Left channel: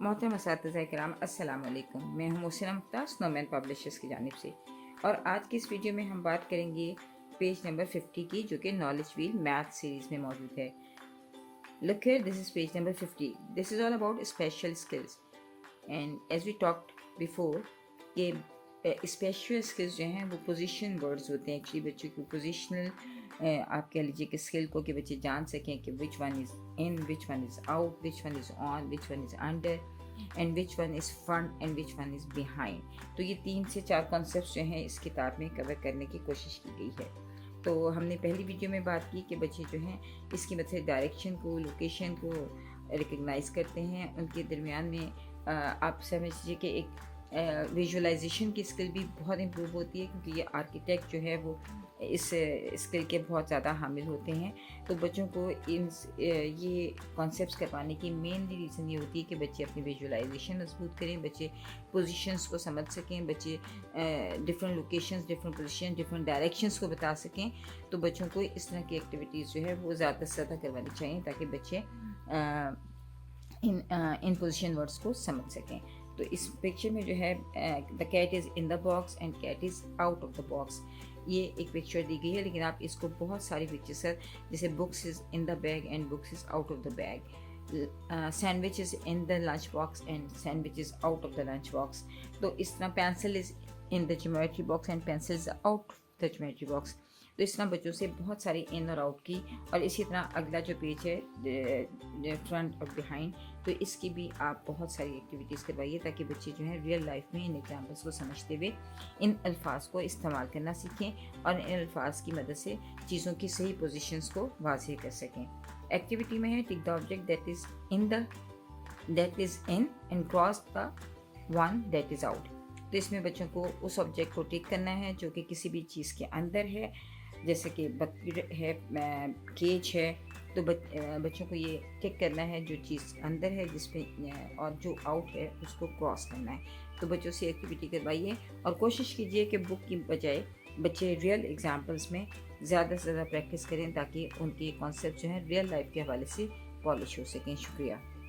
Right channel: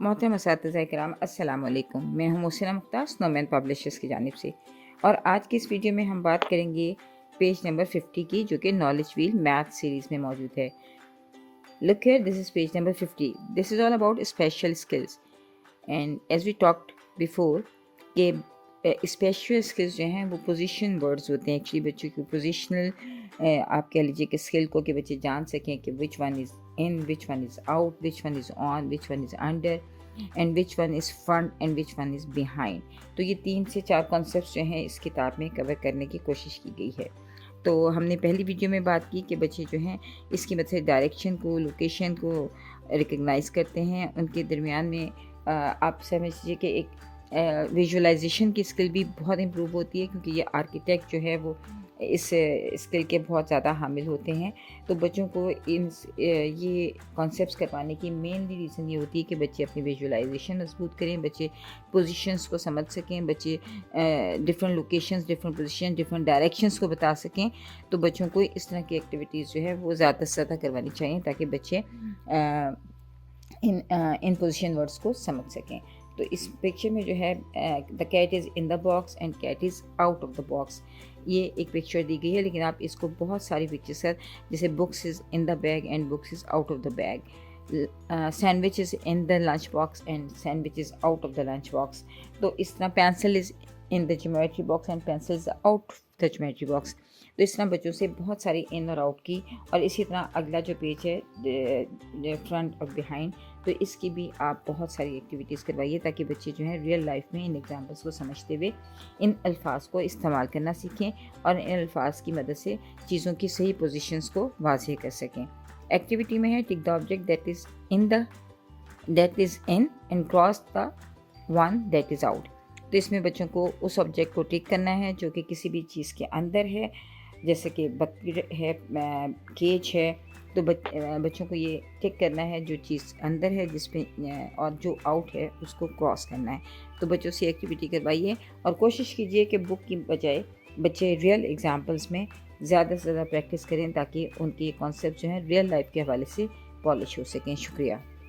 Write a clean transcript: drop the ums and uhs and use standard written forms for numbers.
मोहतरम असातिज़ा किराम अस्सलाम वालेकुम। मैं हूँ मोहसिना मुख्तार स्नोमैन पब्लिशर्स की जानिब से, और आज की इस वीडियो में हम बात करेंगे पेज नंबर 50 की, जो कि नॉलेज व्हील मैथ सीरीज़ में मौजूद है। Look here, this is page number 50। This is all about special skills and as we talked before कि स्पेशल स्किल्स जो हैं वो पोजीशन वर्ड्स होते हैं। एक्चुअली बच्चों की पोजीशनल आप कह लीजिए कि स्किल को कि बच्चे जान सकें कि which one is in, which one is out, which one is on, which one is under and which one is front and which one is behind. तो ये 3 से 4 कॉन्सेप्ट जो हैं इस किताब में कवर करने की कोशिश की गई है। तो हमने पहली वीडियो में बात की कि बच्चे जो हैं इसकी मदद से डायरेक्शन को, लोकेशन को रिकग्नाइज़ करते हैं। उनके दरमियान में आप समझ लीजिए कि एक विजुअलाइजेशन की स्किल भी बहुत इम्प्रूव होती है, क्योंकि ये आर्किटेक्ट जो है वो इस स्किल के बहुत ज़्यादा हामिल होते हैं। तो बच्चों को ये कॉन्सेप्ट्स करवाने की मेनली रीज़न ये होती है कि बच्चे अपनी विजुअलाइजेशन मजबूत करें, बच्चे पोजीशंस को समझ सकें, बच्चे different locations, different position, different directions को बता सकें। तो बच्चों को इस तरह की एक्टिविटीज़ जो है वो ज़्यादा से ज़्यादा करवानी चाहिए, ताकि बच्चे इन पोजीशन वर्ड्स को समझ सकें। तो इस पिक्चर में जो है the cat is in the box and cat is out of the box, ये एक पिक्चर दी गई है, लेकिन आप इसको बहुत सारी पिक्चर्स है, जैसे books is in the bag and books is out of the bag, sandwich is in the lunch box and sandwich is out of the lunch box. तो इस तरह pencil is in the geometry box and pencil is out the geometry box. तो इस तरह बच्चों से बहुत सारी इन और आउट की, और इसी तरह अगला जो पेज है फ्रंट और बिहाइंड, तो इसकी भी आप बहुत सारी एक्टिविटीज़ करवाइए, ताकि बच्चे जो हैं रियल लाइफ में इन एग्जाम्पल्स को समझते हुए इन अल्फाज को इस्तेमाल करना सीखें, और इन अल्फाज की मदद से चीज़ों की सही पोजीशंस को वाज़ेह कर सकें। एक्टिविटी में है tick the object that is in and cross the one that is out. तो इसमें बच्चों को उस ऑब्जेक्ट को टिक करना है जो कि किसी भी चीज़ के अंदर है, जैसे कि बकरी है, केज है। तो बच्चों को ये टिक करना है जो चीज़ अंदर है जिसमें, और जो आउट है उसको क्रॉस करना है। तो बच्चों से एक्टिविटी करवाइए, और कोशिश कीजिए कि बुक की बजाय बच्चे रियल एग्जांपल्स में ज़्यादा से ज़्यादा प्रैक्टिस करें, ताकि उनके कॉन्सेप्ट जो हैं रियल लाइफ के हवाले से पॉलिश हो सकें। शुक्रिया।